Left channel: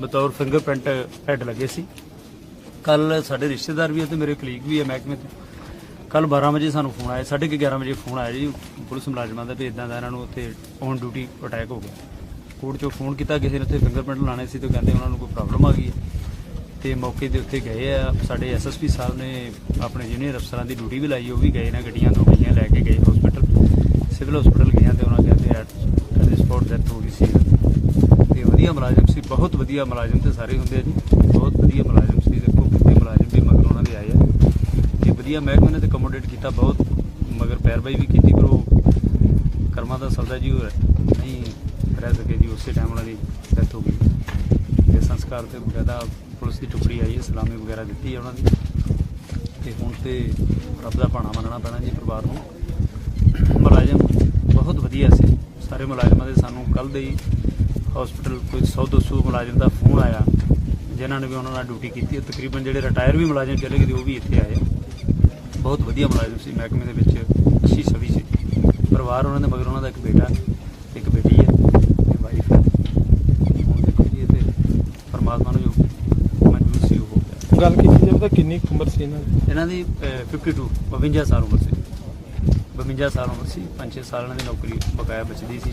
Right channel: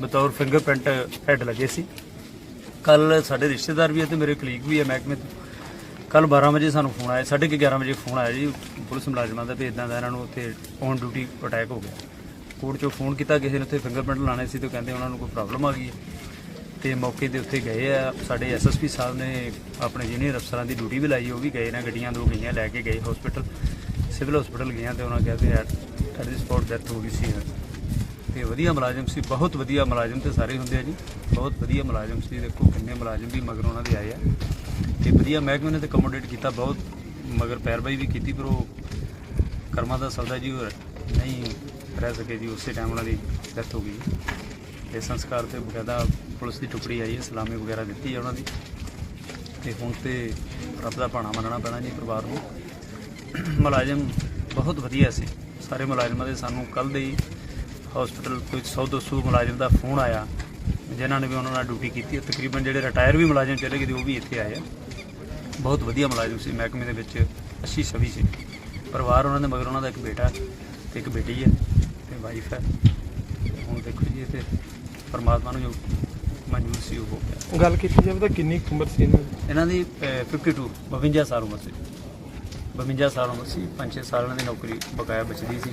ਬਤੌਰ fingerprint head ਲੱਗੇ ਸੀ। ਕੱਲ ਸਾਡੇ ਰਿਸ਼ਤੇਦਾਰ ਵੀ ਹੈ ਤੇ ਮੇਰੇ ਕਲੀਗ ਵੀ ਹੈ ਮਹਿਕਮੇ ਤੋਂ। ਕੱਲ 12 ਵਜੇ ਸਾਨੂੰ ਫੋਨ ਆਇਆ 11:30 ਵਜੇ ਫੋਨ ਆਇਆ ਜੀ, ਪੁਲਿਸ ਮੁਲਾਜ਼ਮਾਂ ਦਾ ਵੀ ਇਦਾਂ ਦਾ ਇਹਨਾਂ ਨੂੰ ਉੱਥੇ ਔਨ ਡਿਊਟੀ ਅਟੈਕ ਹੋ ਗਿਆ। ਕੋਰਟ ਚੋਂ ਫੋਨ ਕੀਤਾ, ਕਿਸੇ ਨੇ ਉੱਥੇ ਫਿੰਗਰਪ੍ਰਿੰਟ ਲਾਣੇ ਸੀ ਤੇ ਕਹਿੰਦੇ ਉਹਨਾਂ ਨੂੰ ਕੋਈ ਪ੍ਰੋਬਲਮ ਆ ਗਈ ਹੈ। ਤੇ ਮੌਕੇ ਦੇ ਉੱਤੇ ਗਏ ਆ, ਸਾਡੇ ਐਸਐਸਪੀ ਸਾਹਿਬ ਨੇ ਆਪਣੇ ਜੂਨੀਅਰ ਅਫਸਰਾਂ ਦੀ ਡਿਊਟੀ ਵੀ ਲਾਈ, ਉਹ ਵੀ ਗਏ ਨੇ, ਗੱਡੀਆਂ ਦੋ ਗੱਡੀਆਂ ਲੈ ਕੇ ਗਏ ਹਸਪੀਟਲ ਸਿਵਲ ਹਸਪੀਟਲ ਗਏ ਆ ਤੇ ਉਹਨਾਂ ਕਹਿੰਦੇ ਐਟ ਦੀ ਸਪੌਟ ਡੈਥ ਹੋ ਗਈ ਸੀ। ਵਧੀਆ ਮੁਲਾਜ਼ਮ ਸੀ, ਬਹੁਤ ਵਧੀਆ ਮੁਲਾਜ਼ਮ ਤੇ ਸਾਰੇ ਹੁੰਦੇ ਆ ਜੀ। ਬਹੁਤ ਵਧੀਆ ਮੁਲਾਜ਼ਮ ਸੀ, ਦੇਖੋ ਕਿੰਨੇ ਮੁਲਾਜ਼ਮ ਵੀ ਮਗਰ ਉਹਨਾਂ ਦੇ ਆਏ ਆ। ਇਹ ਵਧੀਆ ਮਹਿਕਮੇ ਨੇ ਤੇ ਕਮੋਡੇਟ ਕੀਤਾ ਬਹੁਤ, ਮਗਰ ਪੈਰਵਾਈ ਵੀ ਕੀਤੀ, ਪਰ ਉਹ ਕਰਮਾਂ ਦਾ ਸੌਦਾ ਜੀ ਉਹ ਨਹੀਂ ਰਹਿ ਸਕੇ ਜੀ, ਉਸੇ ਟਾਈਮ ਉਹਨਾਂ ਦੀ ਡੈਥ ਹੋ ਗਈ। ਤੇ ਸੰਸਕਾਰ ਤੇ ਬਕਾਇਦਾ ਪੁਲਿਸ ਦੀ ਟੁਕੜੀ ਆਈ ਹੈ, ਸਲਾਮੀ ਵਗੈਰਾ ਦਿੱਤੀ ਹੈ ਉਹਨਾਂ ਦੀ। ਤੇ ਹੁਣ ਤੇ ਰੱਬ ਦਾ ਭਾਣਾ ਮੰਨਣਾ ਪੈਣਾ ਜੀ ਪਰਿਵਾਰ ਨੂੰ। ਮੁਲਾਜ਼ਮ ਬਹੁਤ ਵਧੀਆ ਸੀ। ਸਾਰੇ ਮੁਲਾਜ਼ਮਾਂ ਦੇ ਸਾਨੂੰ ਕੱਲ ਦੇ ਹੀ ਹਸਪੀਟਲ ਕੋਈ 100 200 ਮੁਲਾਜ਼ਮ ਦਾ ਫੋਨ ਆਇਆ ਜਿਨ੍ਹਾਂ ਨੇ ਵੀ ਉਹਨਾਂ ਨਾਲ ਡਿਊਟੀ ਕੀਤੀ ਹੈ। ਤਕਰੀਬਨ ਜਿਹੜੇ ਰਿਟਾਇਰ ਵੀ ਮੁਲਾਜ਼ਮ ਚਲੇ ਗਏ ਉਹ ਵੀ ਇੱਥੇ ਆਏ ਆ। ਬਹੁਤ ਵਧੀਆ ਮੁਲਾਜ਼ਮ ਸੀ ਮਹਿਕਮੇ ਦੇ ਵਿੱਚ ਅੱਛੀ ਛਵੀ ਸੀ। ਪਰਿਵਾਰ ਉਹਨਾਂ ਦੇ ਮਗਰ ਉਹਨਾਂ ਦਾ ਇੱਕ ਬੇਟਾ ਤੇ ਇੱਕ ਬੇਟੀ ਹੈ ਤੇ ਵਾਈਫ ਹੈ। ਹੁਣ ਦੇਖੋ ਜੀ ਇਹ ਤੇ ਪਰਮਾਤਮਾ ਨੂੰ ਜੋ ਮਨਜ਼ੂਰ ਸੀ ਉਹ ਹੋ ਗਿਆ। ਗੱਲ ਕੀਤੀ ਜਾਵੇ ਤਾਂ ਕਿੰਨੀ ਉਮਰ ਸੀ ਇਹਨਾਂ ਦੀ? ਇਹਨਾਂ ਦੀ ਅਹ, 52 52 ਸਾਲ ਉਮਰ ਸੀ। 52 ਸਾਲ ਉਮਰ ਸੀ 5-6 ਸਾਲ ਦੀ ਨੌਕਰੀ ਬਕਾਇਆ ਬਚਦੀ ਸੀ।